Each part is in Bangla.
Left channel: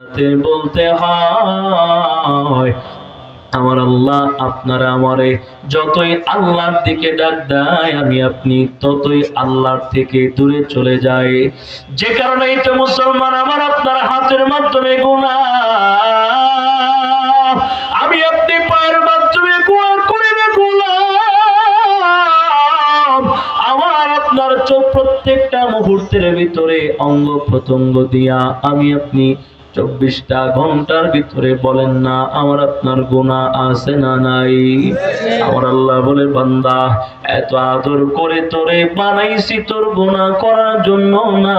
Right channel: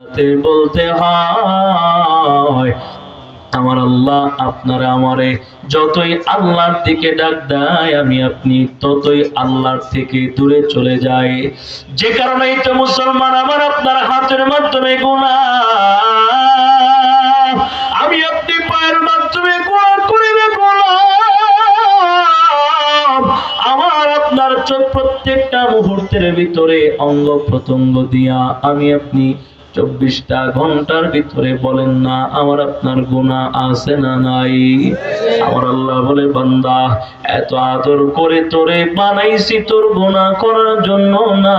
বলতে হয় আমার আল্লাহ আপনারা আমারে যতই আল্লাহর দিকে ডাক দেয় আমি আপনি ততই আল্লাহর থেকে দূরে চলে যাই। যে কারণে তো মুসলমান আমার আপনার হাতের মাধ্যমে গুনাহ, আমি আপনি পায়ের মাধ্যমে গুনাহ করে দেখলাম। আমার আপনার চোখ প্রত্যেকটা মুহূর্তের ভিতরে অঙ্গ প্রত্যঙ্গ দিয়া আমি আপনি 24টা ঘন্টার ভিতরে বলেন না আমার আপনার গুনাহ আছে না নাই? আমার আল্লাহ বলে বান্দা এত আদর করে তোরে বানাইছি তোর গুনাহ করার জন্য না,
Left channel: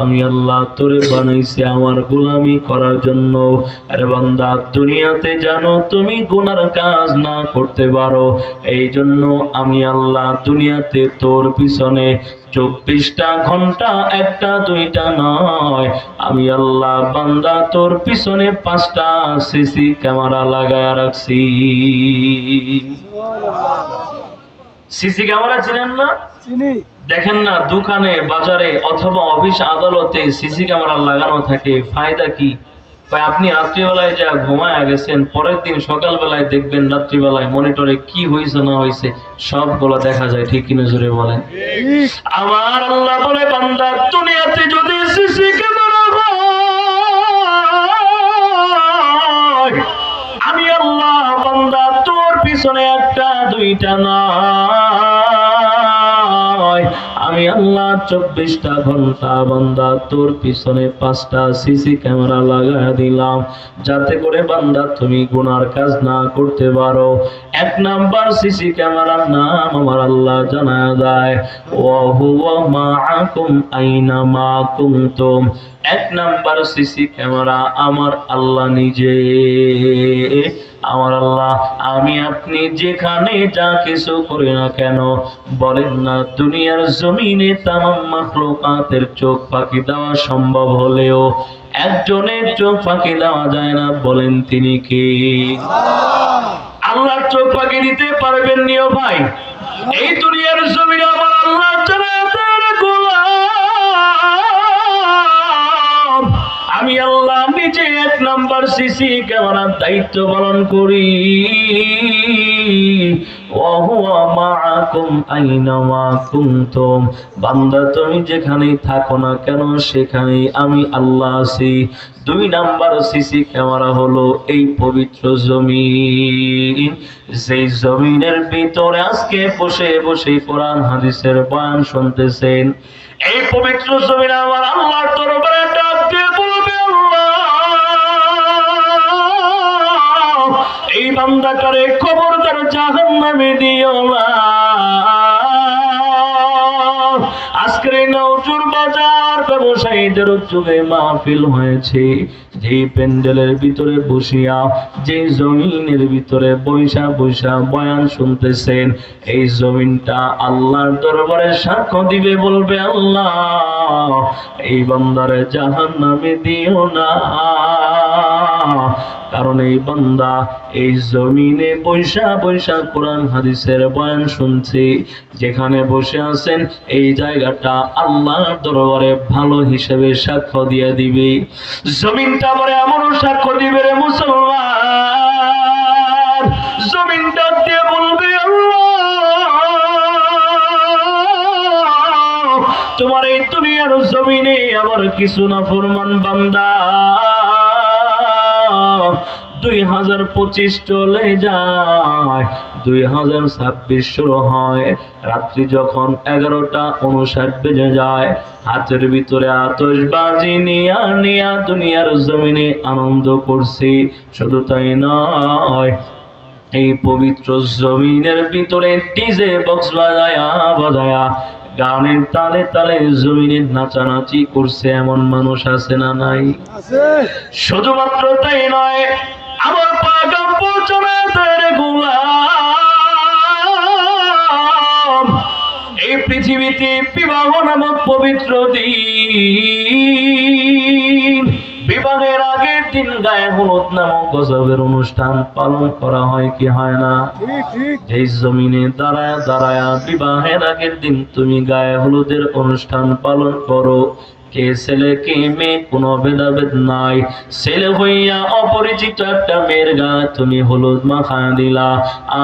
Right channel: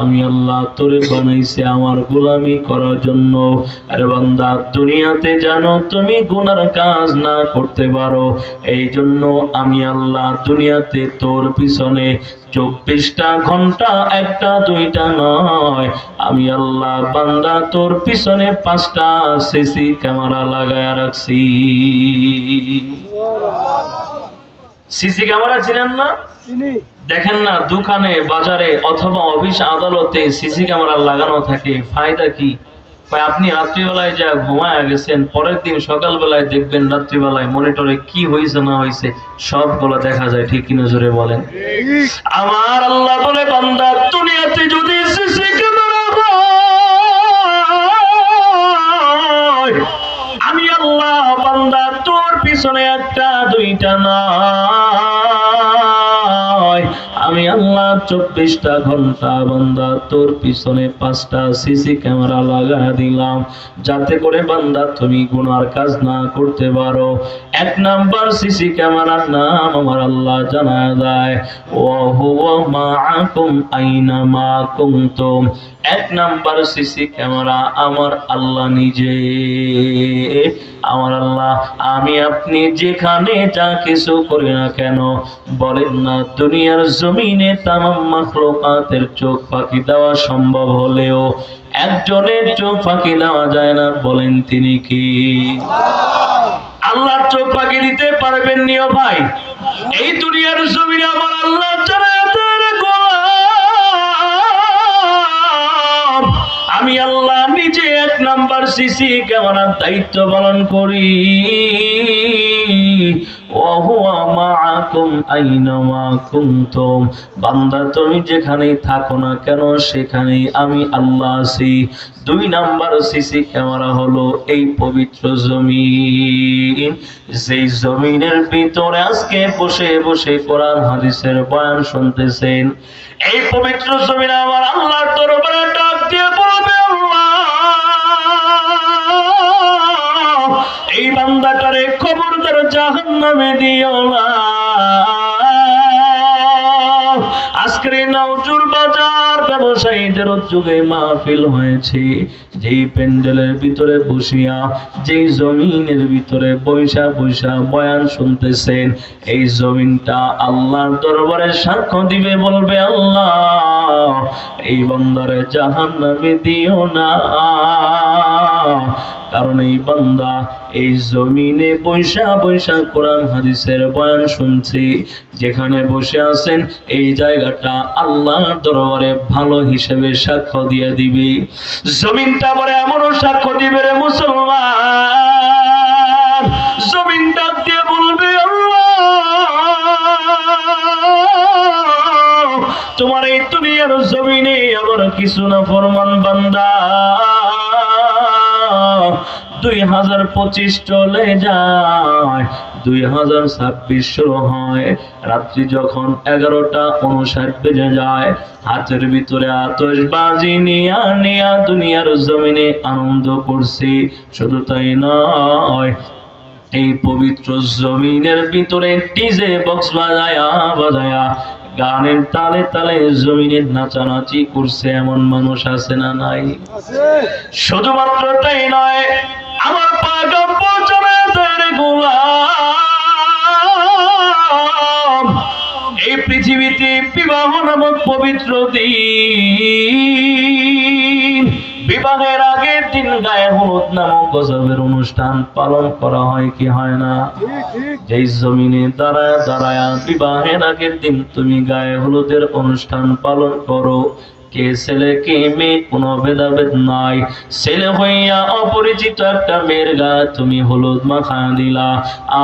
আমি আল্লাহ তোরে বানাইছি আমার গোলামি করার জন্য। আরে বান্দা দুনিয়াতে জানো তুমি গুনার কাজ না করতে পারো, এই জন্য আমি আল্লাহ দুনিয়াতে তোর পিছনে 24টা ঘন্টা একটা দুইটা নয়, আমি আল্লাহ বান্দা তোর পিছনে 5টা সিসি ক্যামেরা লাগায়া রাখছি। সিসি ক্যামেরা চিনেন না? দেখেন না দোকানে বাজারে অথবা অফিস আদালতে সিসি ক্যামেরা লাগানো থাকে, ফায়দা কি? আপনি রাত্রিবেলায় যা ঘুমায় গেছেন, পরের দিন সকালবেলায় দেখবেন রাত্রিবেলায় মনিটরে কি হয়েছে না হয়েছে সবগুলো দেখা যায়, ঠিক কিনা জোরে বলেন? আমার আল্লাহ বলে বান্দা দুনিয়াতে যদি সিসি ক্যামেরা হয়, আমি আল্লাহ বান্দা তোর পিছনে একটা দুইটা নয়, আমি আল্লাহ 24টা ঘন্টা বান্দা তোর পিছনে 5টা সিসি ক্যামেরা লাগা দিলাম, যাতে করে বান্দা তুমি গুনার কাজ না করতে পারো। 1 নাম্বার সিসি ক্যামেরার নাম আমার আল্লাহ জানায় দেয় ওয়া হুয়া মাআকুম আইনামা কুনতুম। 1 নাম্বার সিসি ক্যামেরা আমার আল্লাহ নিজে। আমার আল্লাহ আমি আপনি যেখানে যা কিছু করি না কেন, বলেন না দুনিয়ার জমিনে তামাম মাখলুকাতের চোখ ফাঁকি দেওয়া সম্ভব হলেও একজনের চোখ ফাঁকি দেওয়া যায় না, বলেন তিনি কি? আল্লাহর চোখ ফাঁকি দিতে পারবেন নি ও ভাই? এই দুনিয়ার জমিনে আমার আল্লাহ জান্নাতের গোলাম, আমি আল্লাহ নিজে 1 নাম্বার সিসি ক্যামেরার দায়িত্ব পালন করি। ওয়াহুয়া মাআকুম আইনামা কুনতুম, বান্দা তুমি যেখানেই থাকো না কেন সেখানেই আমি আল্লাহ আছি। 2 নাম্বার সিসি ক্যামেরা হলো এই পবিত্র জমিন, যেই জমিনের ভিতরে আজকে বসে বসে কোরআন হাদিসের বয়ান শুনতেছেন। এই পবিত্র জমিন আমার আল্লাহর দরবারে ডাক দিয়ে বলবে আল্লাহ এই বান্দাটারে খবরদার জাহান্নামে দিও না। আজকের নওজুর বাজার ব্যবসায়ীদের উদ্যোগে মাহফিল হয়েছে, যেই প্যান্ডেলের ভিতরে বসিয়া যেই জমিনের ভিতরে বৈশা বৈশা বয়ান শুনতেছেন, এই জমিনটা আল্লাহর দরবারে সাক্ষ্য দিবে, বলবে আল্লাহ এই বান্দারে জাহান্নামে দিও না, কারণ এই বান্দা এই জমিনে বৈশা বৈশা কোরআন হাদিসের বয়ান শুনছে। যেখানে বসে আছেন এই জায়গাটা আল্লাহর দরবারে ভালো হিসেবে সাক্ষ্য দিয়ে দিবে। জমিনটা বলে এমনও সাক্ষ্য দিবে রে মুসলমান, জমিনটা দিয়ে বলবে আল্লাহ তোমার এই দুনিয়ার জমিনে আমার কিছু না ফরমান বান্দা 2025 চলে যায়, 2026 শুরু হয়। রাত্রি যখন 11:59 বেজে যায়, হাতের ভিতরে আতশবাজি নিয়া নিয়া দুনিয়ার জমিনে আনন্দ করছি। শুধু তাই নয়, এই পবিত্র জমিনের ভিতরে ডিজে বক্স বাজায়া বাজায়া গানের তালে তালে জমিনে নাচানাচি করছে এমন মানুষ আছে না নাই? শুধুমাত্র তাই নয়, আমার পাগাম জান্নাতের গোলাম এই পৃথিবীতে বিবাহ নামক পবিত্র দিন, বিবাহের আগের দিন গায়ে হলুদ নামক গজবের অনুষ্ঠান পালন করা হয় কি হয় না? যেই জমিনে দাঁড়ায় দাঁড়ায় বিবাহের আগের দিন তুমি গায়ে হলুদের অনুষ্ঠান পালন করো, কে ছেলে কে মেয়ে কোনো ভেদাভেদ নাই। ছেলে হইয়া অপরিচিত একটা মেয়ের গায়ে তুমি হলুদ মাখা দিলা,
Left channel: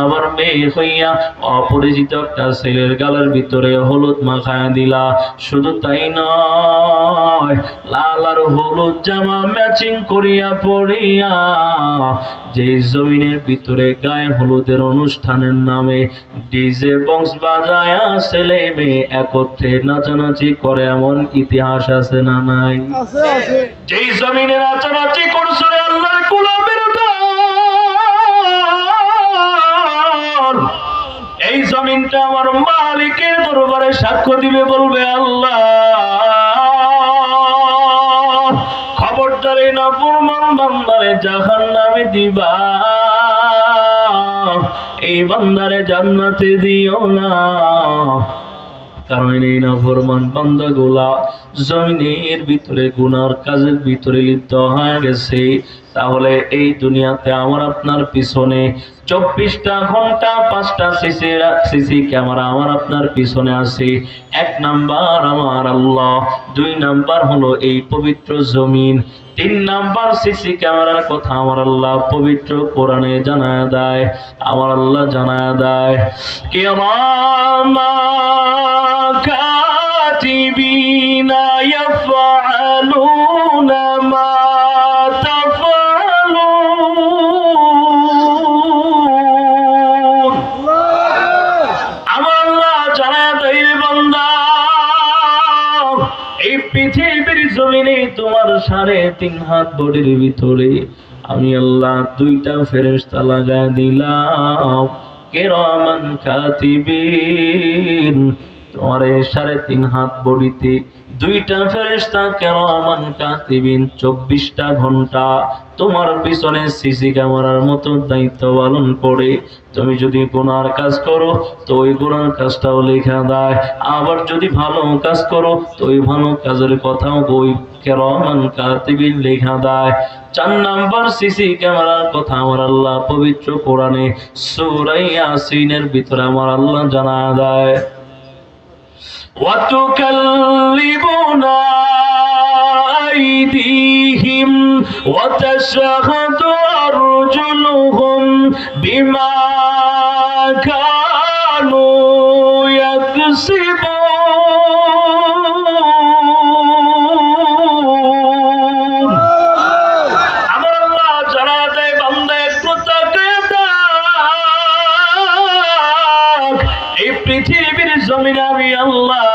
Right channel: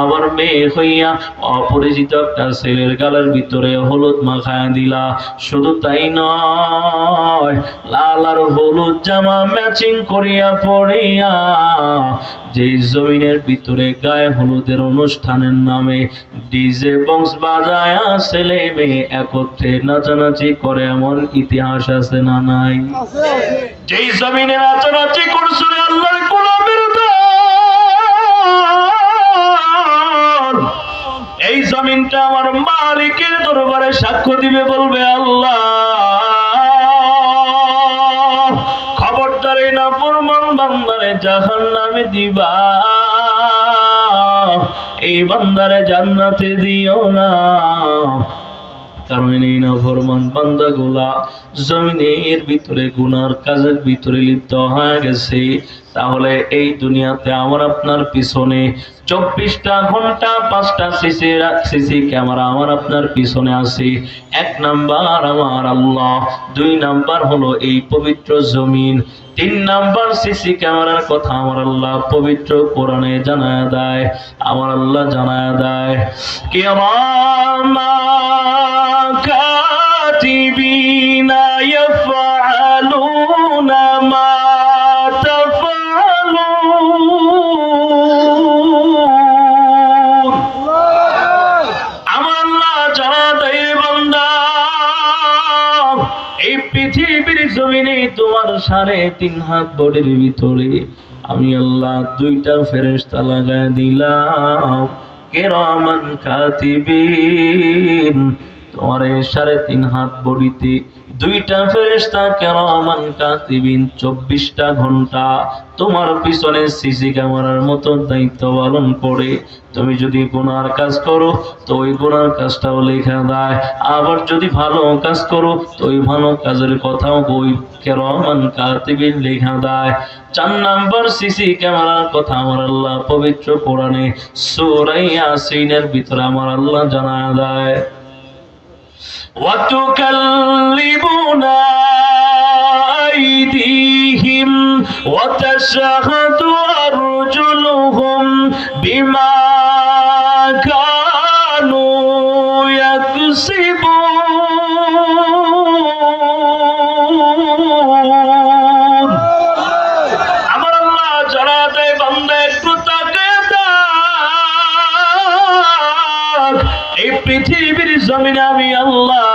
আবার মেয়ে হইয়া অপরিচিত একটা ছেলের গালের ভিতরে হলুদ মাখা দিলা। শুধু তাই নয়, লাল আর হলুদ জামা ম্যাচিং করিয়া পড়িয়া যে জমিনের ভিতরে গায়ে হলুদের অনুষ্ঠানের নামে ডিজে বক্স বাজায়া ছেলে মেয়ে একত্রে নাচানাচি করে, এমন ইতিহাস আছে না নাই? যেই জমিনে নাচানাচি করছো রে আল্লাহর গোলামের দল, এই জমিনটা আমার মালিকের দরবারে সাক্ষ্য দিবে, বলবে আল্লাহ খবরদার এই নাফরমান বান্দারে জাহান্নামে দিবা, এই বান্দারে জান্নাতে দিও না। কারণ এই নাফরমান বান্দাগুলা জমিনের ভিতরে গুনার কাজের ভিতরে লিপ্ত হয়ে গেছে। তাহলে এই দুনিয়াতে আমার আপনার পিছনে 24টা ঘন্টা 5টা সিসি ক্যামেরা আমার আপনার পিছনে আছে। 1 নাম্বার আমার আল্লাহ, 2 নাম্বার হলো এই পবিত্র জমিন, 3 নাম্বার সিসি ক্যামেরার কথা আমার আল্লাহ পবিত্র কোরআনে জানায় দেয়। আমার আল্লাহ জানায় দেয়, কিরামা কাতিবিনা ইয়াফআলুনা মা তাফআলুন। আমার আল্লাহ জানায় দেয়, বান্দা এই পৃথিবীর জমিনে তোমার 3.5 হাত বডির ভিতরে আমি আল্লাহ 2টা ফেরেশতা লাগায় দিলাম, কিরামান কাতিবিন। তোমার এই 3.5 হাত বডিতে 2টা ফেরেশতা কিরামান কাতিবিন 24টা ঘন্টা তোমার পিছনে সিসি ক্যামেরার মতো দায়িত্ব পালন করে। তুমি যদি গুনার কাজ করো তো ওই গুনার কাজটাও লেখা দেয়, আবার যদি ভালো কাজ করো তো ওই ভালো কাজের কথাও ওই কিরামান কাতিবিন লেখা দেয়। 4 নাম্বার সিসি ক্যামেরার কথা আমার আল্লাহ পবিত্র কোরআনে সূরা ইয়াসিনের ভিতরে আমার আল্লাহ জানায় দেয়, وتكلمنا أيديهم وتشهد أرجلهم بما كانوا يكسبون। আমার আল্লাহ জানা দেয়, বান্দা একটু তাকিয়ে দেখ, এই পৃথিবীর জমিনে আমি আল্লাহ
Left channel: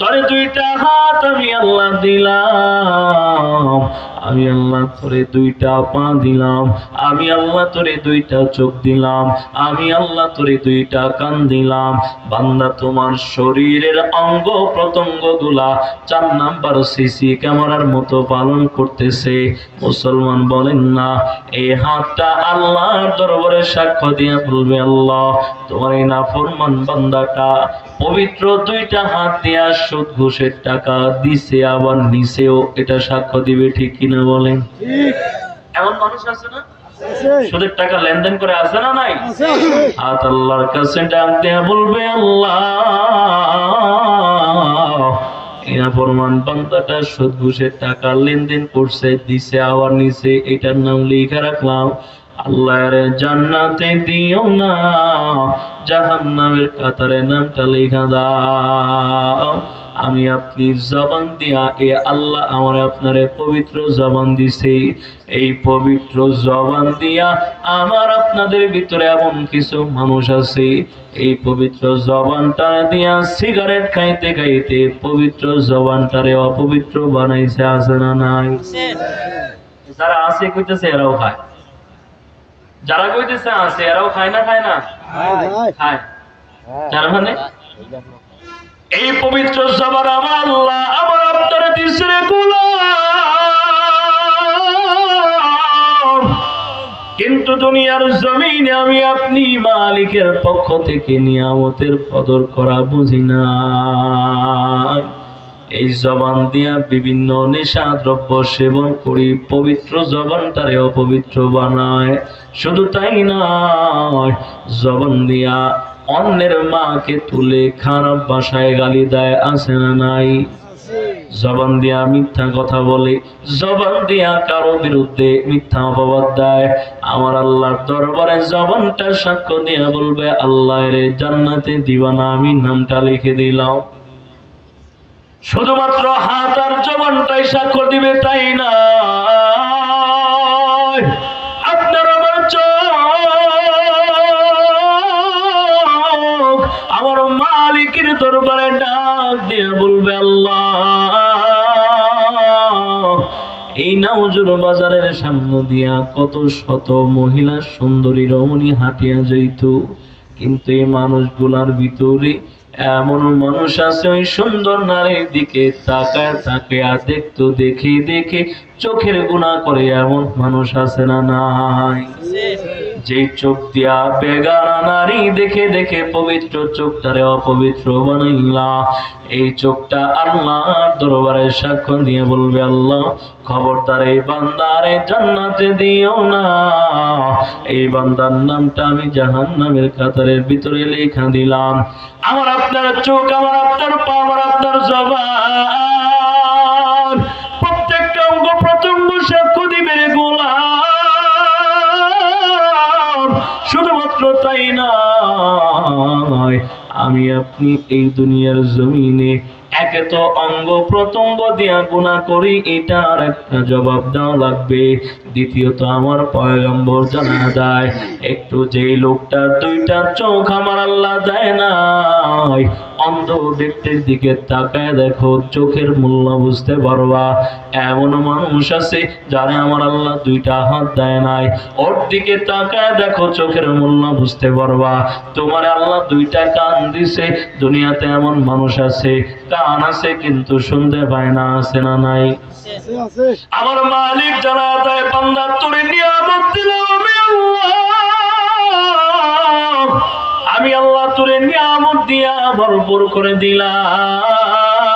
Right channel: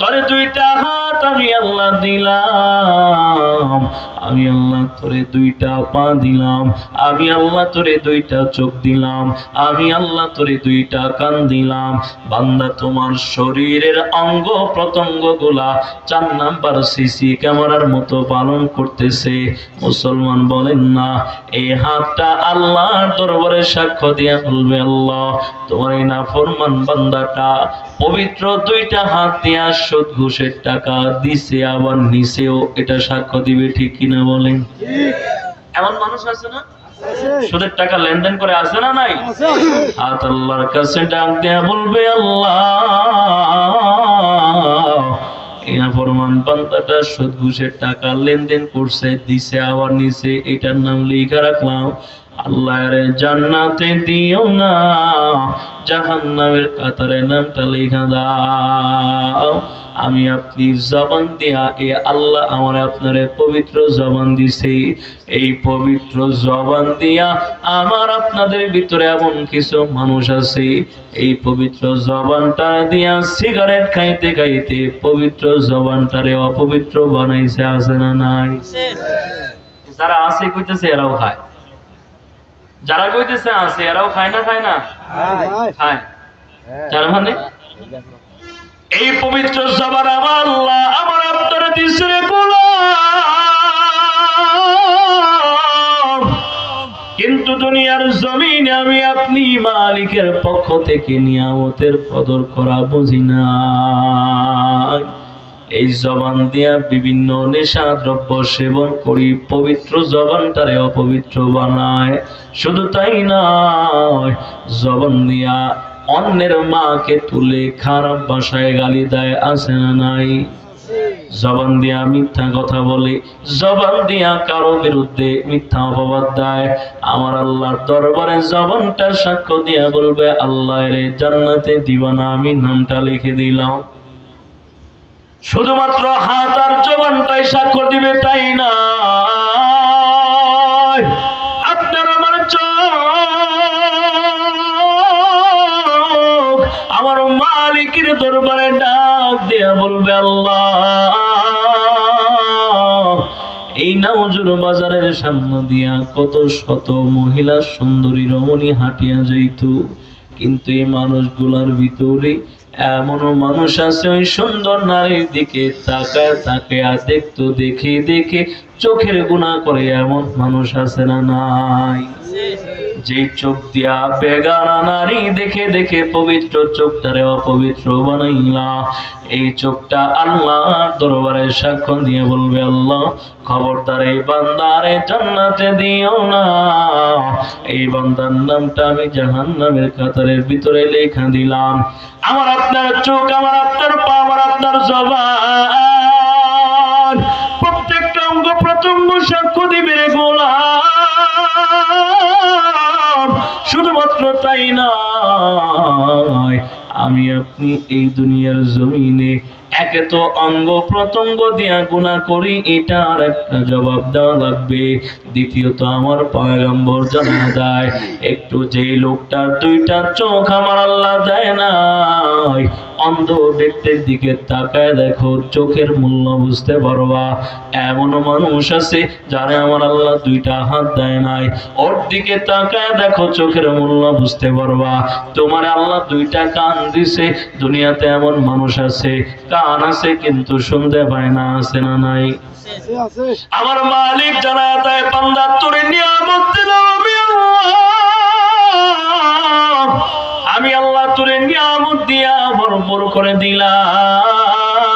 তোরে 2টা হাত আমি আল্লাহ দিলাম, আমি আল্লাহ তোরে 2টা পা দিলাম, আমি আল্লাহ তোরে 2টা চোখ দিলাম, আমি আল্লাহ তোরে 2টা কান দিলাম। বান্দা তোমার শরীরের অঙ্গ প্রত্যঙ্গ গুলা 4 নাম্বার সিসি ক্যামেরার মতো পালন করতেছে। মুসলমান বলেন না, এই হাতটা আল্লাহর দরবারে সাক্ষ্য দিয়ে বলবে, আল্লাহ তোমার এই নাফরমান বান্দাটা পবিত্র 2টা হাত দিয়া সুদ ঘুষের টাকা দিছে আবার নিছেও, এটা সাক্ষ্য দিবে, ঠিক কিনা বলেন? এমন মানুষ আছে না, সুদের টাকা লেনদেন করে, আছে না নাই? হাত আল্লাহর কাছে ডাক দেয়া বলবে, আল্লাহ এই নাফরমান বান্দাটা সুদ ঘুষের টাকা লেনদেন করছে, দিছে আবার নিছে, এটার নাম লিখে রাখলাম। আল্লাহর জান্নাতে দিও না, জাহান্নামের কাতারে নামটা লেখা দাও। আমি আপনি জবান দিয়া এ আল্লাহ আমার আপনারে পবিত্র জবান দিছে, এই পবিত্র জবান দিয়া আমার আপনাদের ভিতরে এমন কিছু মানুষ আছে এই পবিত্র জবানটা দিয়া সিগারেট খাইতে খাইতে পবিত্র জবানটারে অপবিত্র বানাইছে, আছে না নাই? যারা আছে কইতেছে এরাও খায়, যারা কইতেছে আছে এরাও খায় না, খায় না? খায়। তার মানে এই পবিত্র জবান আমার আল্লাহ আমার আপনার দিছে গোলাম, কিন্তু দুনিয়ার জমিনে আমি আপনি মালিকের পক্ষ থেকে নিয়ামতের কদর করা বুঝি না। এই জবান দিয়া বিভিন্ন নেশা দ্রব্য সেবন করি, পবিত্র জবানটারে অপবিত্র বানায়। শুধু তাই নয়, জবান দিয়া অন্যের মাকে তুলে খারাপ ভাষায় গালি দেয়, আছে না নাই? জবান দিয়া মিথ্যা কথা বলে, জবান দিয়া কারো বিরুদ্ধে মিথ্যা অপবাদ দেয়। আমার আল্লাহর দরবারে জবানটা সাক্ষ্য দিয়া বলবে, আল্লাহ রে জান্নাতে দিবা না, আমি নামটা লিখে দিলাম। শুধুমাত্র হাত আর জবানটাই সাক্ষ্য দিবে তাই না, আপনার আমার চোখ আমার মালিকের দরবারে ডাক দিয়া বলবে, আল্লাহ এই নাউজুর বাজারের সামনে দিয়া কত শত মহিলা সুন্দরী রমণী হাঁটিয়া যাইত, কিন্তু এই মানুষগুলার ভিতরে এমনও মানুষ আছে ওই সুন্দর নারীর দিকে তাকায় তাকায় দেখতো, দেখে দেখে চোখের গুনাহ করে, এমন মানুষ আছে না নাই? যে চোখ দিয়া বেগানা নারী দেখে দেখে পবিত্র চোখটারে অপবিত্র বানাইলা, এই চোখটা আল্লাহর দরবারে সাক্ষ্য দিয়ে বলবে, আল্লাহ খবরদার এই বান্দারে জান্নাতে দিও না, এই বান্দার নামটা আমি জাহান্নামের কাতারের ভিতরে লেখা দিলাম। আমার আপনার চোখ, আমার আপনার পা, আমার আপনার জবান, প্রত্যেকটা অঙ্গ প্রত্যঙ্গ সাক্ষ্য দিবে রে গোলাম। শুধুমাত্র তাই নয়, আমি আপনি এই দুনিয়ার জমিনে একে তো অঙ্গ প্রত্যঙ্গ দিয়া গুনাহ করি, এটার একটা জবাব দেওয়া লাগবে। দ্বিতীয়ত আমার পয়গম্বর জানা দেয়, একটু যেই লোকটার দুইটা চোখ আমার আল্লাহ দেয় নাই, অন্ধ ব্যক্তির দিকে তাকায় দেখো, চোখের মূল্য বুঝতে পারবা। এমন মানুষ আছে যারে আমার আল্লাহ দুইটা হাত দেয় নাই, ওর দিকে তাকায় দেখো, চোখের মূল্য বুঝতে পারবা। তোমার আল্লাহ দুইটা কান দিছে, দুনিয়াতে এমন মানুষ আছে কান আছে কিন্তু শুনতে পায় না, আছে না নাই? আমার মালিক জানা দেয়, বান্দা তোরে নিয়ামত দিলাম আমি আল্লাহ তোরে নিয়ামত দিয়া ভরপুর করে দিলাম।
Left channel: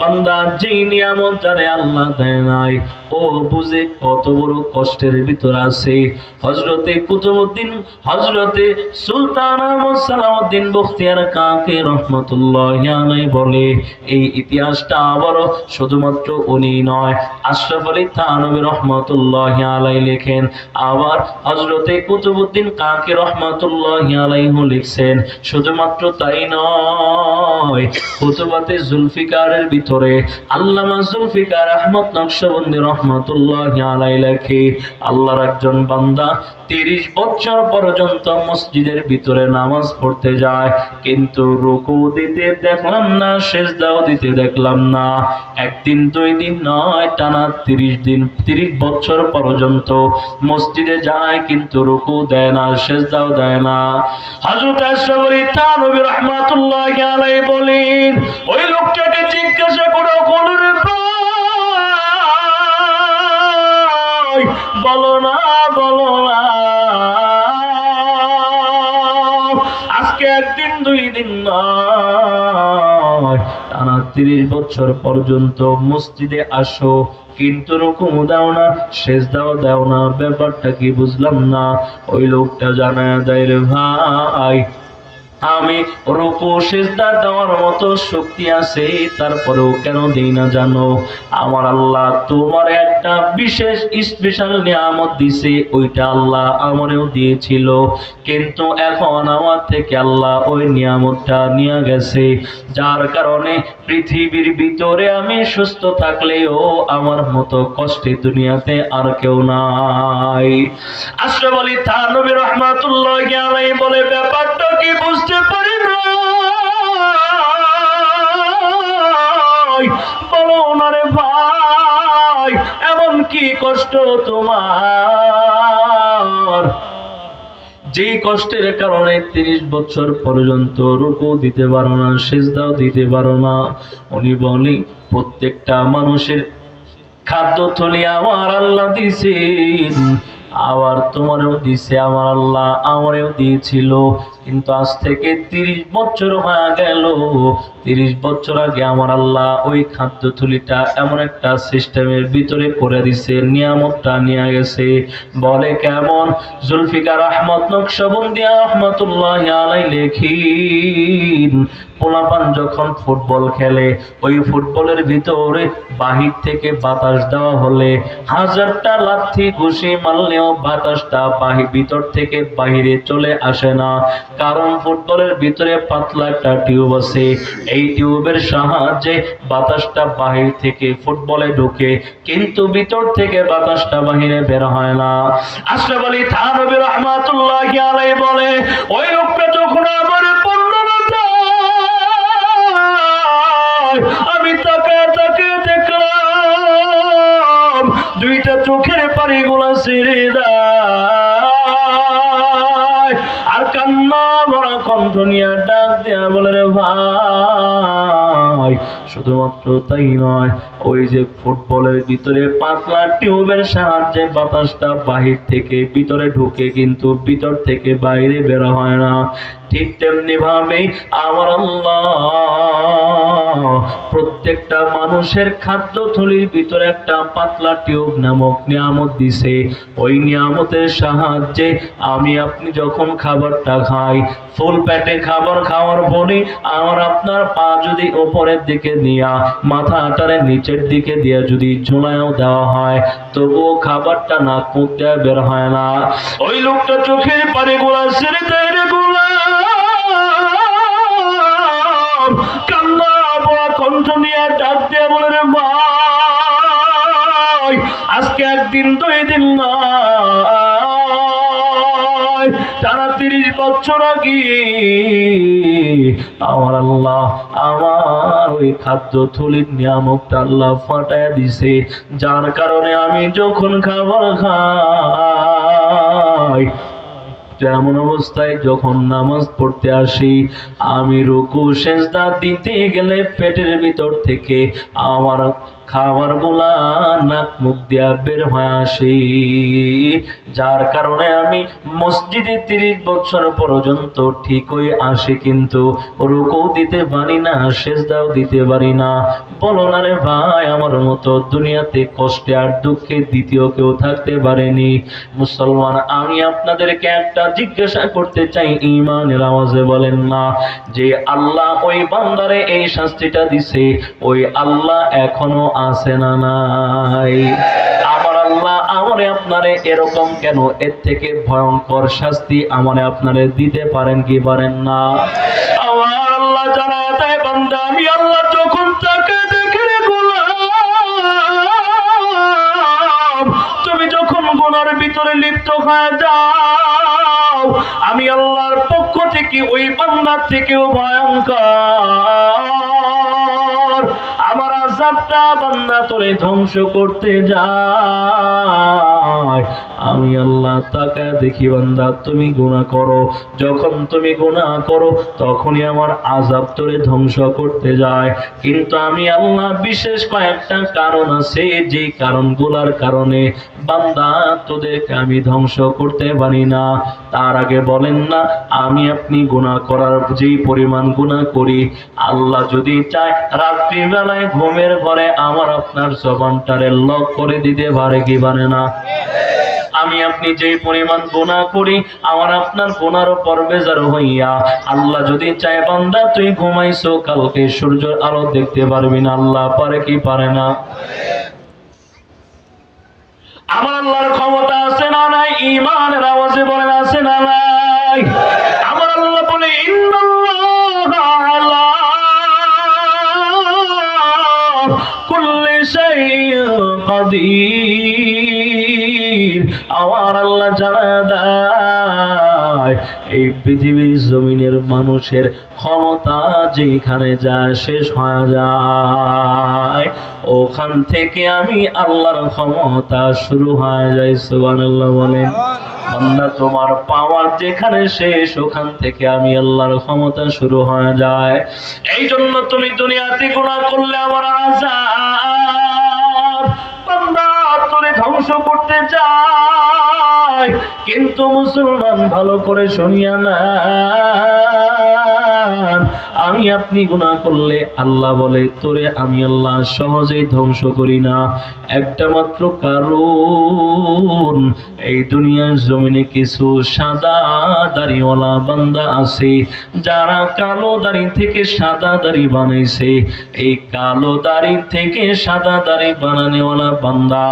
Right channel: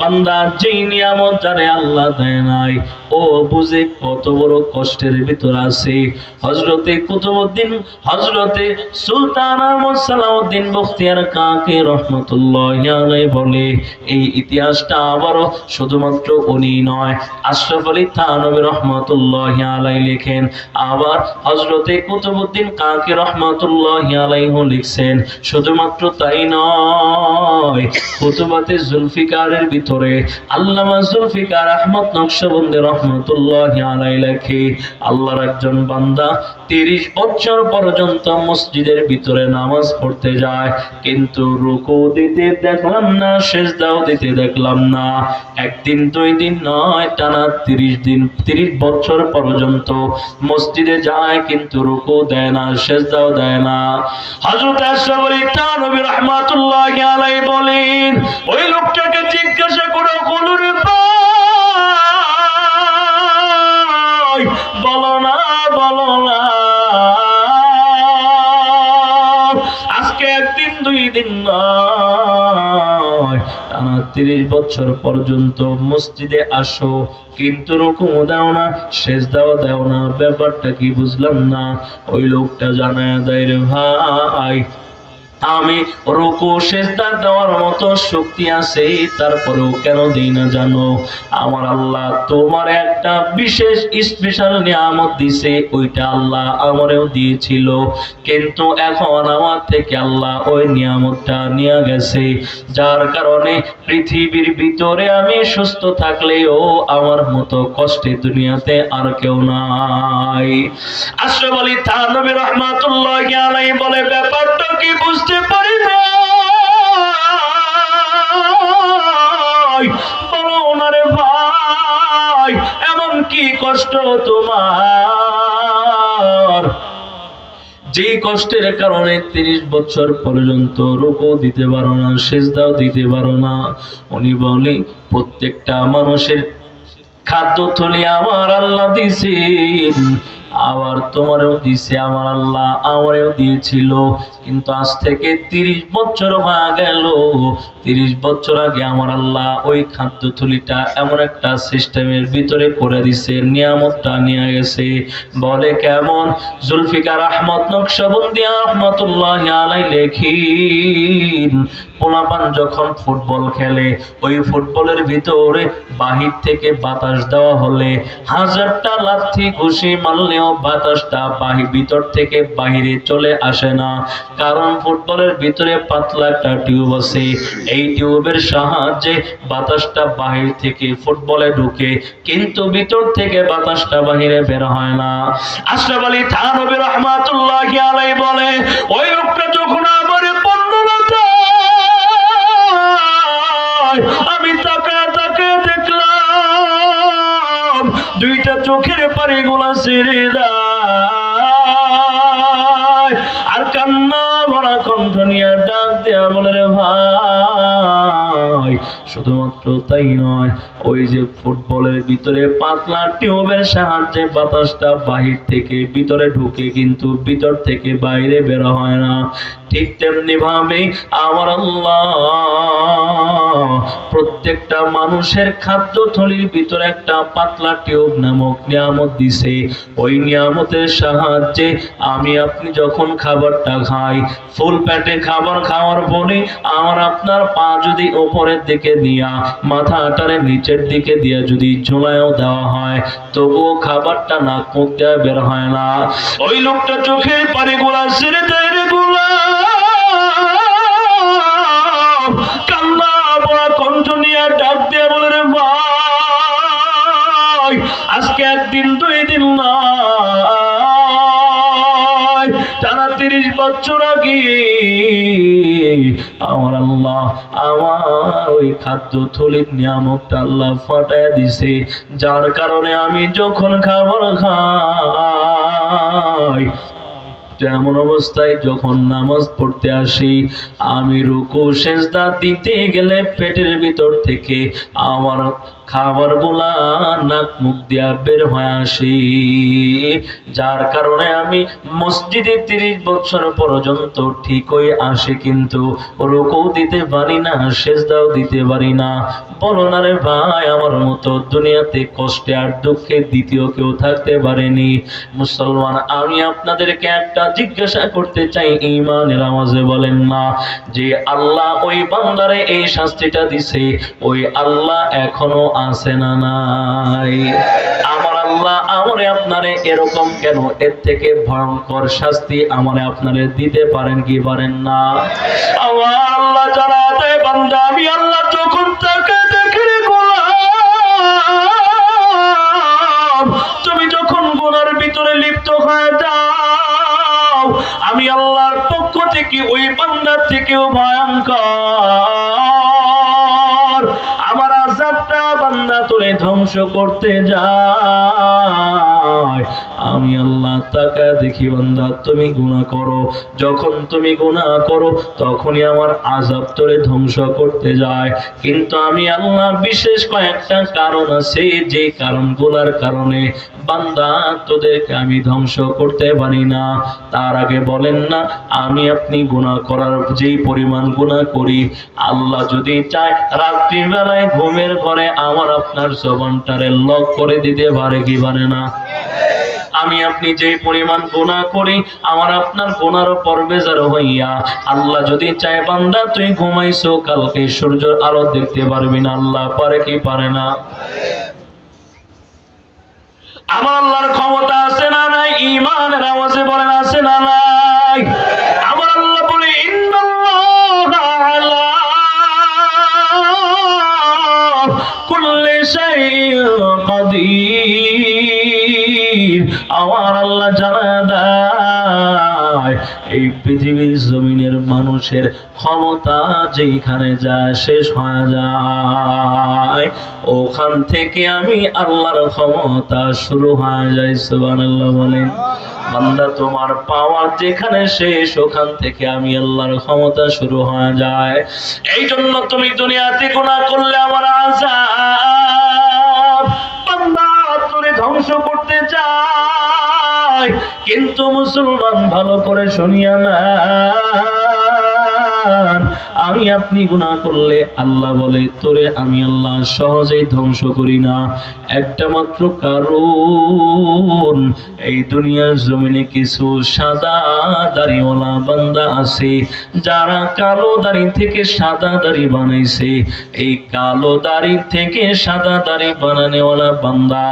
বান্দা যেই নিয়ামত জানে আল্লাহ দেয় নাই, ও বুঝে কত বড় কষ্টের ভিতর আছে। হযরতে কুতুবউদ্দিন, হযরতে সুলতান আহমদ সালাউদ্দিন বখতিয়ার কাকি রহমাতুল্লাহি আলাইহি বলে, এই ইতিহাসটা আবারও শুধুমাত্র উনি নয়, আশরাফ আলী থানভী রহমাতুল্লাহি আলাইহি লেখেন, আবার হযরতে কুতুবউদ্দিন কাকি রহমাতুল্লাহি আলাইহি লিখছেন। শুধুমাত্র তাই নয়, কুতুবাতে জুলফিকারের ভিতরে আল্লামা জুলফিকার আহমদ নকশবন্দি রহমাতুল্লাহি আলাইহি লেখে, আল্লাহর একজন বান্দা 30 বছর পর্যন্ত মসজিদের ভিতরে নামাজ পড়তে যায়, কিন্তু রুকু দিতে দেখলাম না, সিজদাও দিতে দেখলাম না। একদিন দুই দিন নয়, টানা 30 বছর পর্যন্ত মসজিদে যায়, কিন্তু রুকু দেয় না, সিজদাও দেয় না। হযরত আশরাফ আলী থানভী রাহমাতুল্লাহি আলাইহি বলেন, ওই লোকটাকে জিজ্ঞাসা করো, কলুরে ভাই বলো না, বলো না, আজকে একদিন দুই দিন নয়, টানা 30 বছর পর্যন্ত মসজিদে আসো, কিন্তু রুকু দাও না, সিজদাও দাও না, ব্যাপারটা কি বুঝলাম না। ওই লোকটা জানায়া দেয়, রে ভাই আমি রুকু সিজদা দেওয়ার মতো শক্তি আছে, তারপরেও কেন দেই না জানো? আমার আল্লাহ তোমার একটা বিশেষ স্পেশাল নিয়ামত দিছে, ওইটা আল্লাহ আমারেও দিয়েছিল, কিন্তু এখন আমার থেকে আল্লাহ ওই নিয়ামতটা নিয়ে গেছে, যার কারণে পৃথিবীর ভিতরে আমি সুস্থ থাকলেও আমার মতো কষ্টে দুনিয়াতে আর কেউ নাই। আশরাফ আলী থানভী রাহমাতুল্লাহি আলাইহি বলে, ব্যাপারটা কি বুঝতে পারি না, বলো না রে ভাই, এমন কি কষ্ট তোমার যে কষ্টের কারণে 30 বছর পর্যন্ত রুকু দিতে পারো না, সিজদাও দিতে পারো না? উনি বলে, প্রত্যেকটা মানুষের খাদ্য থলি আমার আল্লাহ দিছেন, আবার তোমারও দিছে আমার আল্লাহ, আমারও দিয়েছিল। কিন্তু আজ থেকে 30 বছর হয়ে গেল। 30 বছর আগে আমার আল্লাহ ওই খাদ্য থলিটা এমন একটা সিস্টেমের ভিতরে করে দিছে, নিয়ামতটা নিয়ে গেছে। বলে কেমন? জুলফিকার আহমদ নকশবন্দি রহমতুল্লাহ আলাই লেখিন, পোলাপান যখন ফুটবল খেলে, ওই ফুটবলের ভিতরে বাহির থেকে বাতাস দেওয়া হলে হাজারটা লাথি ঘুষি মারলেও বাতাসটা ভিতর থেকে বাহিরে চলে আসে না। কারণ ফুটবলের ভিতরে পাতলা একটা টিউব আছে, এই টিউবের সাহায্যে বাতাসটা বাহির থেকে ফুটবলে ঢুকে, কিন্তু ভিতর থেকে বাতাসটা বাহিরে বের হয় না। আশরাফ আলী থানভী রহমাতুল্লাহি আলাইহি বলে, ওই লোকটা যখন আমার বর্ণনা দেয়, আমি তাকে দেখলাম দুইটা চোখের পানিগুলা ছেড়ে দেয়, আর কান্না ভরা কণ্ঠ নিয়ে ডাক দেয়া বলে, রে ভাই, শুধুমাত্র তাই নয়, ওই যে ফুটবলের ভিতরে পাতলা টিউবের সাহায্যে বাতাসটা বাহির থেকে ভিতরে ঢুকে, কিন্তু ভিতর থেকে বাইরে বের হয় না। ঠিক তেমনি ভাবে আমার আল্লাহ প্রত্যেকটা মানুষের খাদ্য থলির ভিতরে একটা পাতলা টিউব নামক নিয়ামত দিছে। ওই নিয়ামতের সাহায্যে আমি আপনি যখন খাবারটা খাই, ফুল পেটে খাবার খাওয়ার পরে আমার আপনার পা যদি উপরের দিকে দিয়া, মাথাটারে নিচের দিকে দিয়া যদি ঝুলায়ও দেওয়া হয়, তবুও খাবারটা নাক মুখ দেওয়া বের হয় না। ওই লোকটা চোখের পানি গোলা ছেড়ে দেয় রে গোলাম, কান্না বড়া কণ্ঠ নিয়ে ডাক দিয়ে বলে, রে ভাই, আজকে একদিন 2 দিন না, টানা 30 বছর আগে আমার আল্লাহ আমার ওই খাদ্য থলির নিয়ামতটা আল্লাহ ফাটায় দিছে, যার কারণে আমি যখন খাবার খাই, এমন অবস্থায় যখন নামাজ পড়তে আসি, আমি রুকু সেজদা দিতে গেলে পেটের ভিতর থেকে আমার খাবার গুলা নাক মুখ দিয়া বের হয়ে আসে, যার কারণে আমি মসজিদে 30 বছর পর্যন্ত ঠিকই আসি, কিন্তু রুকু দিতে পারি না, সেজদাও দিতে পারি না। বলো না রে ভাই, আমার মতো দুনিয়াতে কষ্টে আর দুঃখে দ্বিতীয় কেউ থাকতে পারেনি। মুসলমান, আমি আপনাদেরকে একটা জিজ্ঞাসা করতে চাই, ঈমানের আওয়াজে বলেন না, যে আল্লাহ ওই বান্দারে এই শাস্তিটা দিছে, ওই আল্লাহ এখনো আছে না নাই? আমার আল্লাহ আমারে আপনারে এরকম কেন, এর থেকে ভয়ঙ্কর শাস্তি আমারে আপনারে দিতে পারেন কি পারেন না? আমার আল্লাহ জানা দেয়, বান্দা আমি আল্লাহ যখন তাকে দেখি রে গোলাম, তুমি যখন গুনার ভিতরে লিপ্ত হয়ে যাও, আমি আল্লাহর পক্ষ থেকে ওই বান্দার থেকেও ভয়ঙ্কর আমার আযাবটা বান্দা তোরে ধ্বংস করতে যায়। আমি আল্লাহ তাকে দেখি, বান্দা তুমি গুনাহ করো, যখন তুমি গুনাহ করো তখনই আমার আযাব তোরে ধ্বংস করতে যায়। কিন্তু আমি আল্লাহ বিশেষ কয়েকটা কারণ আছে, যে কারণগুলোর কারণে বান্দা তোদেরকে আমি ধ্বংস করতে পারি না। তার আগে বলেন না, আমি আপনি গুনাহ করার যেই পরিমাণ গুনাহ করি, আল্লাহ যদি চায় রাত্রিবেলায় ঘুমের ঘরে আমার আপনার জবানটারে লক করে দিতে পারে কি পারে না? আমি আপনি যে পরিমাণ গুনাহ করি, আমার আপনার গুনাহর পরবেজার হইয়া আল্লাহ যদি চায় বান্দা তুই ঘুমাইছো, কালকে সূর্যের আলো দেখতে পারবি না, আল্লাহ পারে কি পারে না? আমার আল্লাহর ক্ষমতা আছে না নাই? ঈমানের আওয়াজে বলেন আছে না নাই? আমার আল্লাহ বলে, ইন্নাল্লাহা আলা কুল্লি শাইইন কাদির। আমার আল্লাহ জানা দেয়, এই পৃথিবীর জমিনের মানুষের ক্ষমতা যেখানে যায় শেষ হয়ে যায়, ওখান থেকে আমি আল্লাহর ক্ষমতা শুরু হয়ে যায়। সুবহানাল্লাহ বলেন। বান্দা তোমার পাওয়ার যেখানে শেষ, ওখান থেকে আমি আল্লাহর ক্ষমতা শুরু হয়ে যায়। এই জন্য তুমি দুনিয়াতে গুনাহ করলে আমার আযাব, বান্দা তোরে ধ্বংস করতে চায়, হয়, কিন্তু মুসলমান ভালো করে শুনিয়া না, আমি আপনি গুনাহ করলে আল্লাহ বলে তোরে আমি আল্লাহ সহজেই ধ্বংস করি না। একটা মাত্র কারণ, এই দুনিয়ার জমিনে কিছু সাদা দাড়িওয়ালা বান্দা আছে যারা কালো দাড়ি থেকে সাদা দাড়ি বানাইছে। এই কালো দাড়ি থেকে সাদা দাড়ি বানানোওয়ালা বান্দা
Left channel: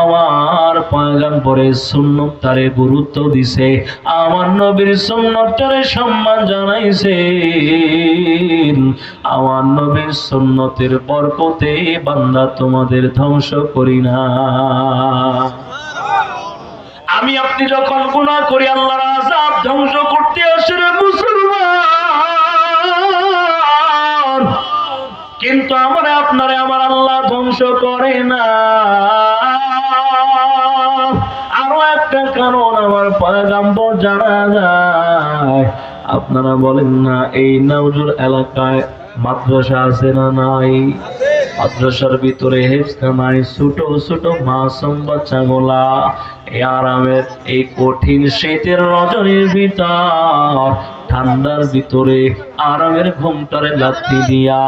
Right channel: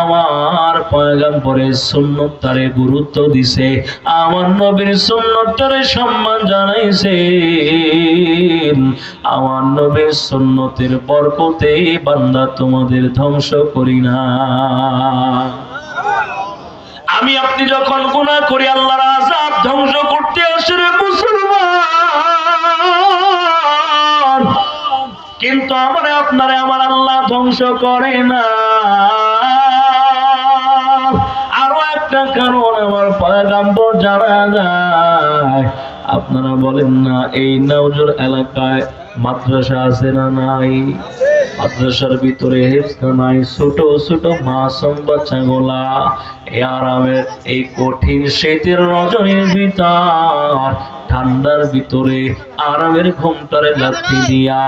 আমার পয়গম্বরের সুন্নতটারে গুরুত্ব দিছে, আমার নবীর সুন্নতটারে সম্মান জানাইছে। আমার নবীর সুন্নতের বরকতে বান্দা তোমাদের ধ্বংস করি না। আমি আপনি যখন গুনাহ করি আল্লাহর আযাব ধ্বংস করতে আসে রে মুসলমান, কিন্তু আমারে আপনারে আমার আল্লাহ ধ্বংস করে না। আরো একটা কারণ আমার পয়গম্বর জানা যায়। আপনারা বলেন না এই নাউজুর এলাকায় মাদ্রাসা আছে না নাই? মাদ্রাসার ভিতরে হেফজখানায় ছোট ছোট মাসুম বাচ্চাগুলা এই আরামের এই কঠিন শীতের রজনীর ভিতর ঠান্ডার ভিতরে আরামের ঘুমটারে লাথি দিয়া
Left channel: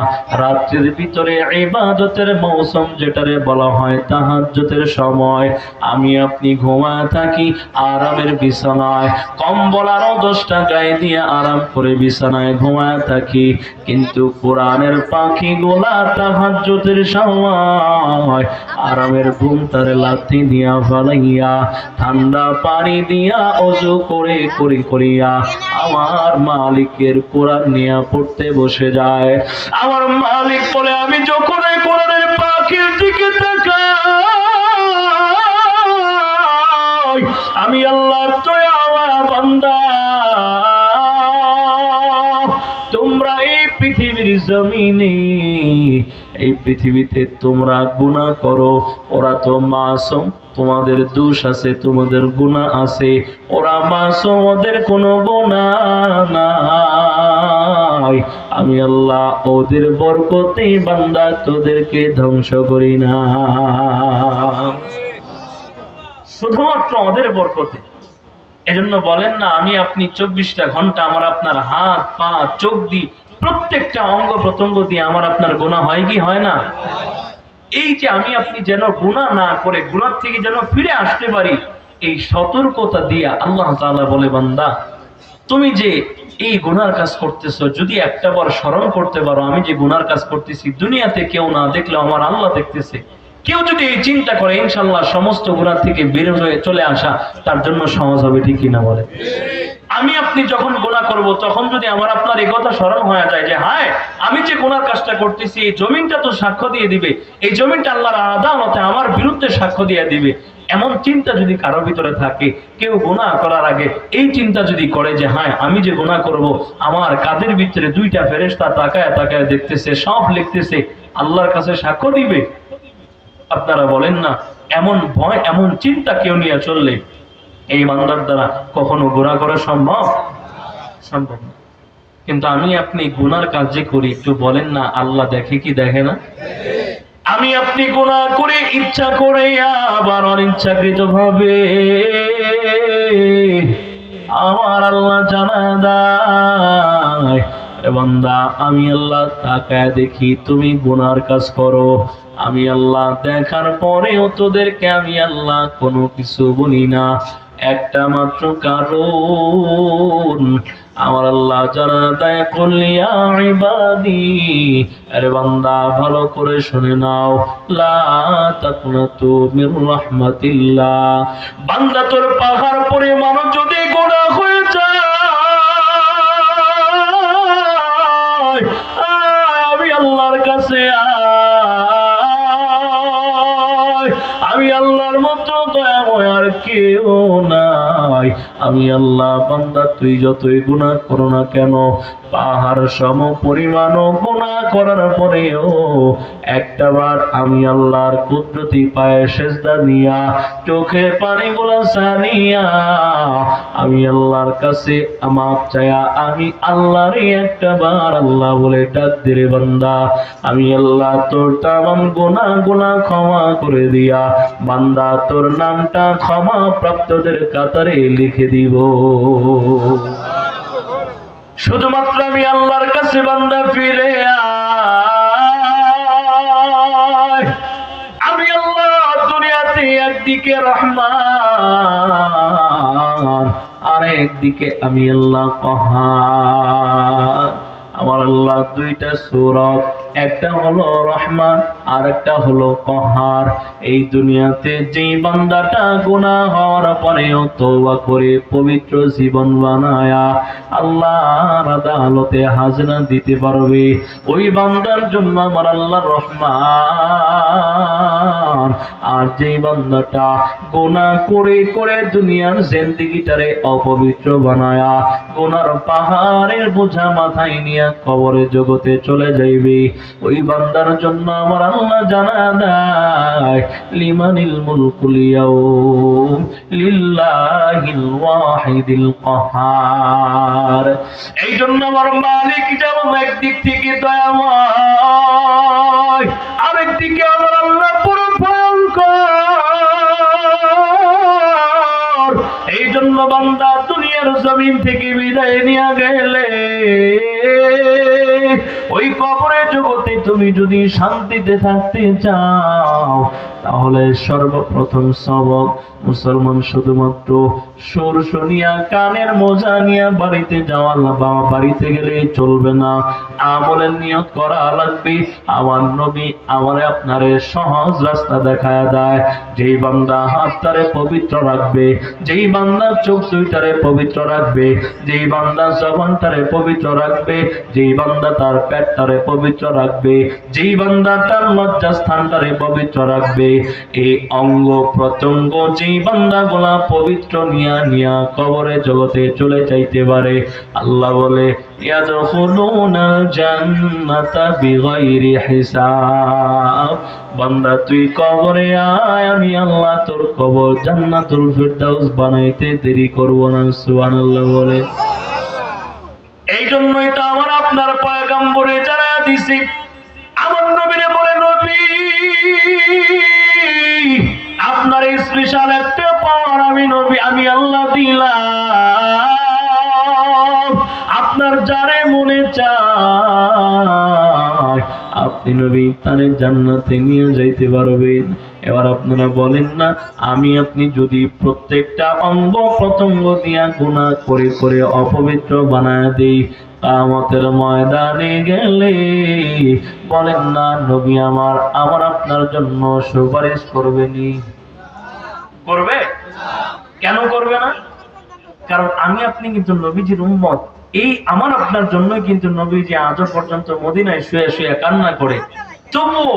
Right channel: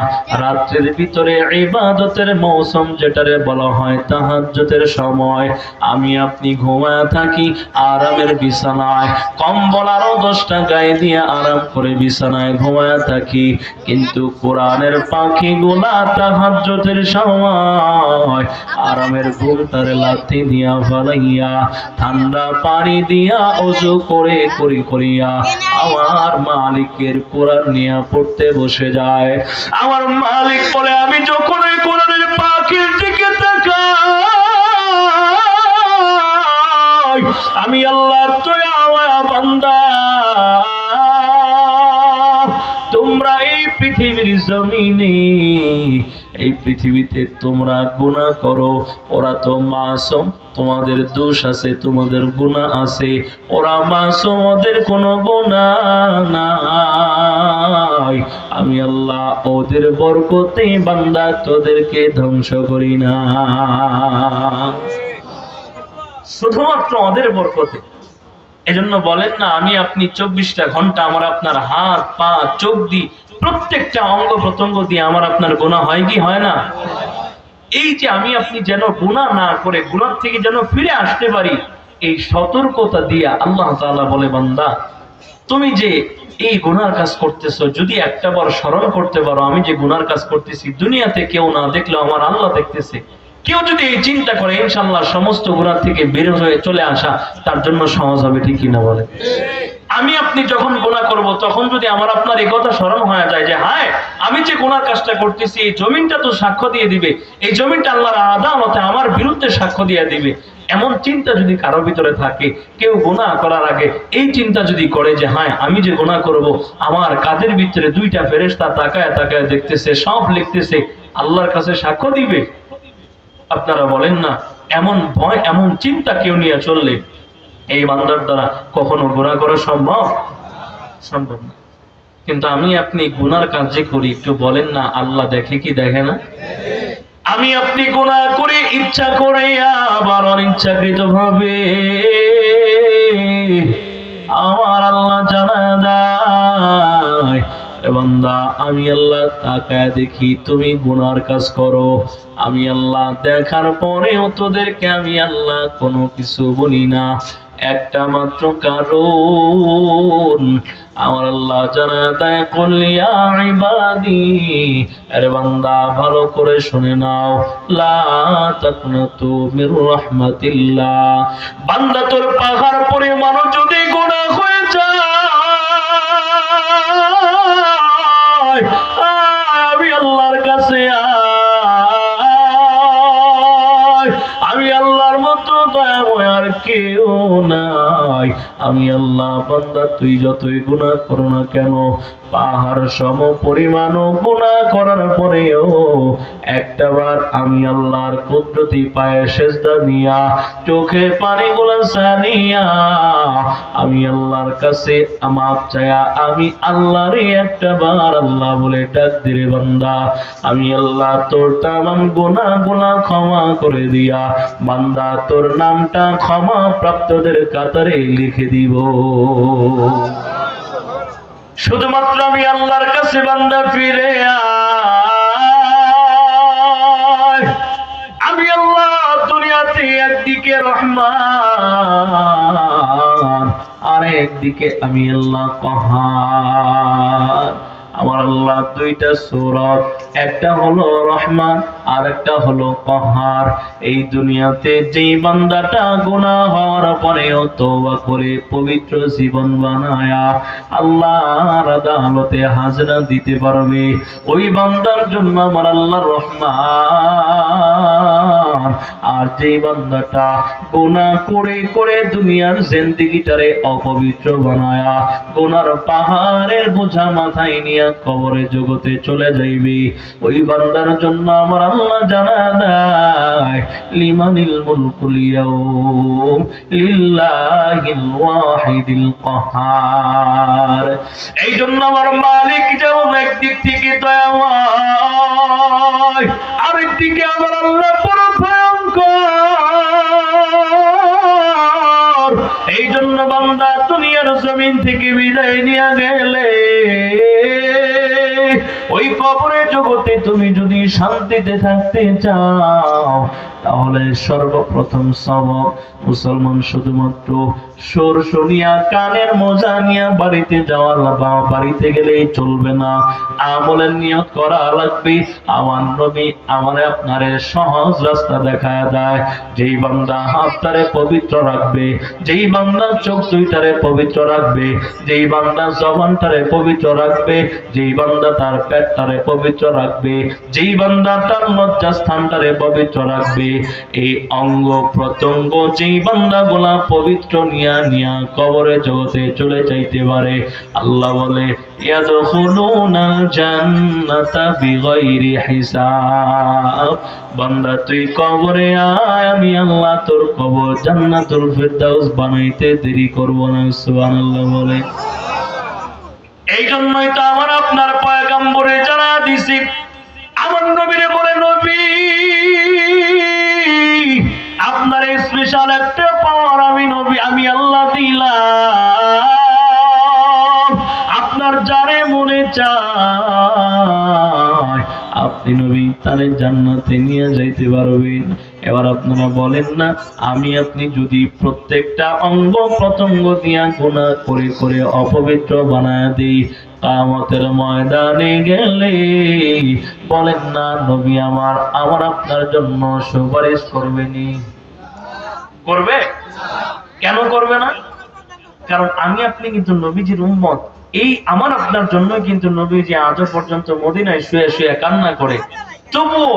রাত্রির ভিতরে ইবাদতের মৌসুম যেটারে বলা হয় তাহাজ্জুদের সময় আমি আপনি ঘুমায় থাকি আরামের বিছানায়, কম্বল আরো 10টা গায়ে দিয়ে আরাম করে বিছানায় ঘুমায় থাকি, কিন্তু কোরআনের পাখিগুলা তাহাজ্জুদের সময় আরামের ঘুমটারে লাথি দিয়া ফালাইয়া ঠান্ডা পানি দিয়া ওযু করে করিয়া আমার মালিকের কোরআন নিয়ে পড়তে বসে যায়। আমার মালিক বলে আমি যখন এই কোরআনের পাখির দিকে তাকাই আমি আল্লাহর দয়া বান্দা, তোমরা এই পৃথিবীর জমিনে এই পৃথিবীতে তোমরা গুনাহ করো, ওরা তো মাসুম, তোমাদের দোষ আছে, তোমাদের গুনাহ আছে, ওরা মাসুম, ওদের কোনো গুনাহ নাই। আমি আল্লাহ ওদের বরকতে বান্দা তোদেরকে ধ্বংস করি না, শুধুমাত্র ওদের বরকতে। এজন্য বলেন না আমি আপনি 24টা ঘন্টা আমার আপনার হাত পা চোখ দিয়ে প্রত্যেকটা অঙ্গ প্রত্যঙ্গ দিয়ে আমার আপনার গুনাহ হয় কি হয় না? এই যে আমি আপনি যেন গুনাহ না করে গুনাহ থেকে যেন ফিরে আসতে পারি, এই সতর্কতা দিয়া আল্লাহ তাআলা বলে বান্দা তুমি যে এই গুনার কাজ করতেছো যদি একটা বার স্মরণ করতে পারো আমি যে গুনার কাজ করতেছি দুনিয়াতে কেউ না দেখলেও আমার আল্লাহ দেখতেছে, কেউ যদি এই চিন্তা করে ইনশাআল্লাহ সমস্ত গুনাহ থেকে বের হয়ে চলে আসা তার জন্য সহজ হবে, ঠিক কিনা বলে? আমি আপনি যখন গুনাহ করব তখন যদি আমার আপনার এই কথা স্মরণ হয়ে যায় যে হায় আমি যে গুনার কাজটা করতেছি এই জমিনটা তো সাক্ষ্য দিয়ে দিবে, এই জমিনটা আল্লাহর আদালতে আমার বিরুদ্ধে সাক্ষ্য দিয়ে দিবে, এমন চিন্তা যদি কারো ভিতরে থাকে, কেউ গুনাহ করার আগে এই চিন্তা যদি করে যে হ্যাঁ আমি যে গুনাহ করব আমার কাঁধের ভিতরে 2টা ফেরেশতা তাকায় তাকায় দেখতেছে, সব লিখতেছে, আল্লাহর কাছে সাক্ষ্য দিবে, আপনারা বলেন না এমন ভয় এমন চিন্তা কেউ নিয়ে চললে এই বান্দার দ্বারা কখনো গুনাহ করা সম্ভব না। কিন্তু আমি আপনি গুনার কাজ যে করি একটু বলেন না আল্লাহ দেখে কি দেখে না? আমি আপনি গুনাহ করে ইচ্ছা করে আবার অনিচ্ছাকৃত ভাবে আমার আল্লাহ জানা দেয় বান্দা আমি আল্লাহ তাকায় দেখি তুমি গুনার কাজ করো, আমি আল্লাহ দেখার পরেও তোদেরকে আমি আল্লাহ কোনো কিছু বলি না, একটা মাত্র কারণ আমার আল্লাহ জানা দেয় কুলিয়া ইবাদি, আরে বান্দা ভালো করে শুনে নাও, লা তাকনাতু মির রাহমাতিল্লাহ, বান্দা তোর পাহাড় পরিমাণ যদি গুনাহ হয়ে যায় আমি আল্লাহর কাছে আমি আল্লাহর মতো দয়াময় আর কেউ নাই, আমি আল্লাহ বান্দা তুই যতই গুনাহ করো না কেন পাহাড় সম পরিমাণ গুনাহ করার পরেও একটাবার আমি আল্লাহর কুদরতি পায়ে সেজদা দিয়া চোখে পানিগুলো ছাড়িয়া আমি আল্লাহর কাছে মাপ চায়া আমি আল্লাহরই একটাবার আল্লাহ বলে ডাক দিরে বান্দা আমি আল্লাহ তোর তামাম গুনাহগুলো ক্ষমা করে দিয়া বান্দা তোর নামটা ক্ষমা প্রাপ্তদের কাতারে লিখে দিব। শুধুমাত্র আমি আল্লাহর কাছে বান্দা ফিরে আয়। আমি আল্লাহ দুনিয়াতে একদিকে রহমান আর একদিকে আমি আল্লাহ কহার। আমার আল্লাহ দুইটা সূরত, একটা হলো রহমান আর একটা হলো কহার। এই দুনিয়াতে যেই বান্দাটা গুনাহ হওয়ার পরেও তওবা করে পবিত্র জীবন বানায়া আল্লাহর আদালতে হাজরা দিতে পারবে, ওই বান্দার জন্য আমার আল্লাহ রহমান। আর যেই বান্দাটা গুনাহ করে করে দুনিয়ার জিন্দেগিটারে অপবিত্র বানায়া গুনার পাহাড়ের বোঝা মাথায় নিয়ে কবরে জগতে চলে যাইবে, ওই বান্দার জন্য আমার আল্লাহ জানা দেয় লিমানিল মুলকুল ইয়াউম লিল্লাহিল ওয়াহিদিল কাহার। এই জন্য আমার মালিক যেমন একদিক থেকে দয়াময়, আরেক দিকে আমার আল্লাহ পুরো ভয়ঙ্কর। এই জন্য বান্দা দুনিয়ার জমিন থেকে বিদায় নিয়ে গেলে ওই কবরে জগতে তুমি যদি শান্তিতে থাকতে চাও, তাহলে সর্বপ্রথম সবক মুসলমান শুধুমাত্র সুর শুনিয়া কানের মোজা নিয়ে বাড়িতে যাওয়ার বাড়িতে গেলেই চলবে না, আমলের নিয়ত করা লাগবে। আমার নবী আমারে আপনারে সহজ রাস্তা দেখায় দেয়। যেই বান্দা হাতটারে পবিত্র রাখবে, যেই বান্দা চোখ দুইটারে পবিত্র রাখবে, যেই বান্দা জবানটারে পবিত্র রাখবে, যেই বান্দা তার পেটটারে পবিত্র রাখবে, যেই বান্দা তার লজ্জাস্থানটারে পবিত্র রাখবে, এই অঙ্গ প্রত্যঙ্গ যেই বান্দাগুলা পবিত্র নিয়া নিয়া কবরে জগতে চলে যাইতে পারে, আল্লাহ বলে ইয়াদখুলুনাল জান্নাতা বিগাইরি হিসাব। বান্দা তুই কবরে আয়, আমি আল্লাহ তোর কবর জান্নাতুল ফিরদাউস বানাইতে দেরি করব না। সুবহানাল্লাহ বলে। এই জন্যই তো আমার আপনার পয়গম্বরে জানা দিছি, আমার নবীরে বলে নবী আপনার স্পেশাল একটা পাওয়ার আমি নবী আমি আল্লাহ দিলাম। আপনার যারে মনে চায় আপনি নবী তারে জান্নাতে নিয়ে যাইতে পারবেন। এবার আপনারা বলেন না, আমি আপনি যদি প্রত্যেকটা অঙ্গ প্রত্যঙ্গ দিয়া গুনাহ করে করে অপবিত্র বানায় দেই, কিয়ামতের ময়দানে গেলে বলেন না নবী আমার আপনার জন্য সুপারিশ করবেনি? করবে? কেন করবে না? কারণ আমি আপনি কিন্তু নবীজির উম্মত। এই আমার আপনার জন্য কিন্তু নবীজি আজও পর্যন্ত মদিনায় শুয়ে শুয়ে কান্না করে, তবুও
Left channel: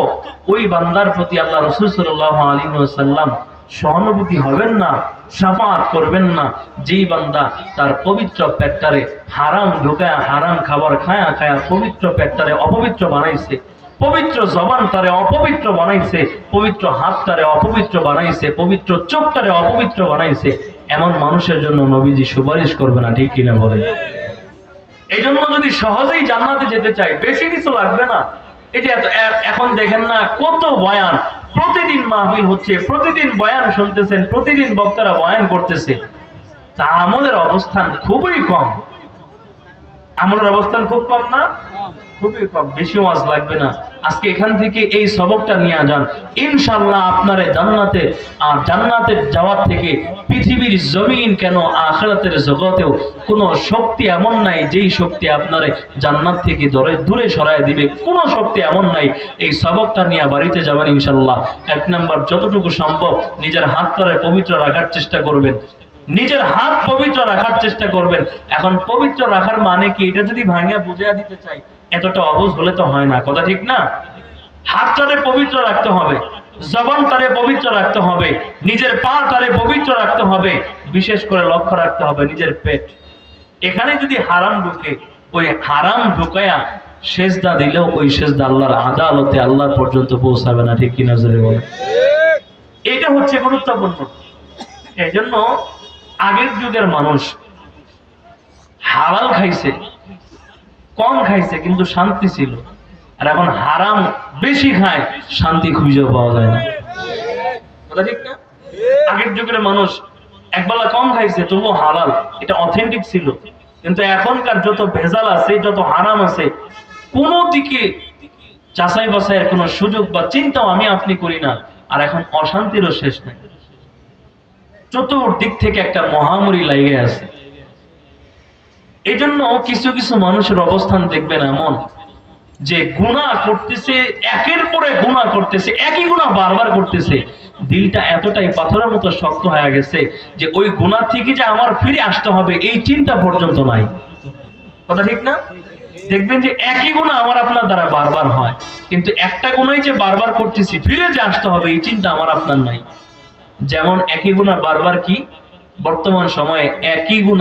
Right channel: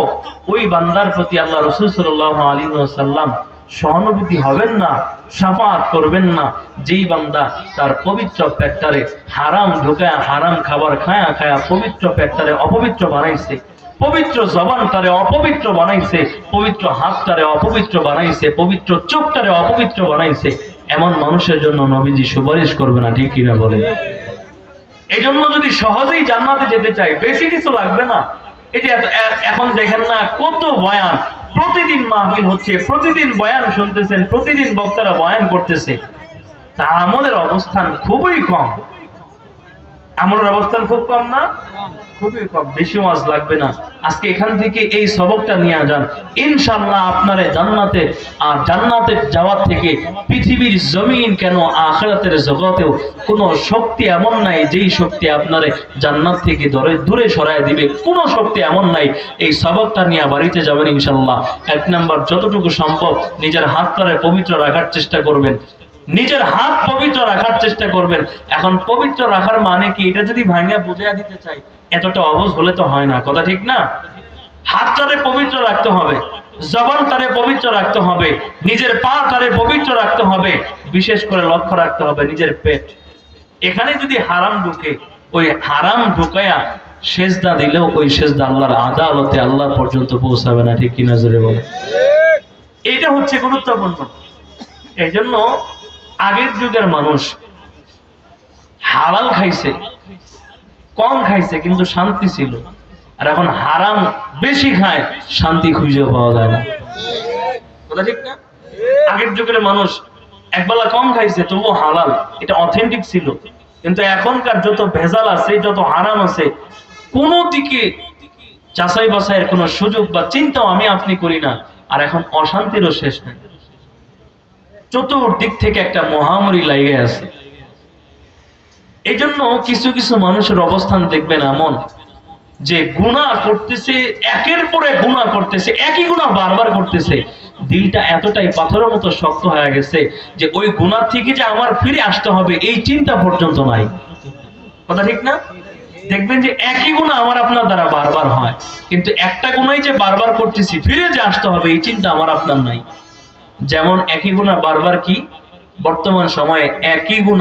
ওই বান্দার প্রতি আল্লাহ রাসূল সাল্লাল্লাহু আলাইহি ওয়াসাল্লাম সহানুভূতি হবেন না, শাফাআত করবেন না, যেই বান্দা তার পবিত্র পেটটারে হারাম ঢোকায়া হারাম খাবার খায়া খায়া পবিত্র পেটটারে অপবিত্র বানাইছে, পবিত্র জবানটারে অপবিত্র বানাইছে, পবিত্র হাতটারে অপবিত্র বানাইছে, পবিত্র চোখটারে অপবিত্র বানাইছে, এমন মানুষের জন্য নবীজি সুপারিশ করবে না, ঠিক কিনা বলে? এই জন্য যদি সহজেই জান্নাতে যেতে চাই বেশি কিছু লাগবে না। এই যে এখন দেখেন না কত বয়ান, প্রতিদিন মাহফিল হচ্ছে, প্রতিদিন বয়ান শুনতেছেন, প্রতিদিন বক্তারা বয়ান করতেছে, তা আমলের অবস্থান খুবই কম। আমলের অবস্থান খুব কম না? খুবই কম। বেশি ওয়াজ লাগবে না, আজকে এখান থেকে এই সবকটা নিয়ে যান, ইনশাআল্লাহ আপনারে জান্নাতে আর জান্নাতে যাওয়ার থেকে পৃথিবীর জমিন কেন আখিরাতের জগতেও কোনো শক্তি এমন নাই যেই শক্তি আপনারে জান্নাত থেকে দূরে সরায় দিবে। কোনো শক্তি এমন নাই। এই সবকটা নিয়ে বাড়িতে যাবেন ইনশাআল্লাহ। এক নাম্বার, যতটুকু সম্ভব নিজের হাতটারে পবিত্র রাখার চেষ্টা করবেন, নিজের হাত পবিত্র রাখার চেষ্টা করবেন। এখন পবিত্র রাখার মানে কি, এটা যদি ভাইয়া বুঝিয়ে দিতে চাই এতটা অবুঝ হলে তো হয় না, কথা ঠিক না? হাতটারে পবিত্র রাখতে হবে, জবানটারে পবিত্র রাখতে হবে, নিজের পাটারে পবিত্র রাখতে হবে, বিশেষ করে লক্ষ্য রাখতে হবে নিজের পেট। এখানে যদি হারাম ঢুকে, ওই হারাম ঢুকায়া সেজদা দিলেও ওই সেজদা আল্লাহর আদালতে আল্লাহ পর্যন্ত পৌঁছাবে না, ঠিক কিনা জোরে বলে? এটা হচ্ছে গুরুত্বপূর্ণ। এই জন্য আগের যুগের মানুষ হালাল খাইছে, কম খাইছে, কিন্তু শান্তি ছিল। আর এখন হারাম বেশি খায়, শান্তি খুঁজে পাওয়া যায় না। কথা ঠিক না? আগের যুগের মানুষ একবেলা কম খাইছে তবুও হালাল, এটা অথেন্টিক ছিল। কিন্তু এখনকার যত ভেজাল আছে, যত হারাম আছে, কোন দিকে যাচাই বাছাইয়ের কোনো সুযোগ বা চিন্তাও আমি আপনি করি না। আর এখন অশান্তিরও শেষ নাই, চতুর্দিক থেকে একটা মহামারী লাগে আছে। এই জন্য কিছু কিছু মানুষের অবস্থান দেখবেন এমন যে গুনাহ করতেছে, একের পরে গুনাহ করতেছে, একই গুনাহ বারবার করতেছে, দিলটা এতটাই পাথরের মতো শক্ত হয়ে গেছে যে ওই গুনাহ থেকে যে আমার ফিরে আসতে হবে এই চিন্তা পর্যন্ত নাই। কথা ঠিক না? দেখবেন যে একই গুনাহ আমার আপনার দ্বারা বারবার হয়, কিন্তু একটা গুনাহই যে বারবার করতেছি, ফিরে যে আসতে হবে এই চিন্তা আমার আপনার নাই। যেমন একই গুনাহ বারবার কি বর্তমান সময়ে একই গুনাহ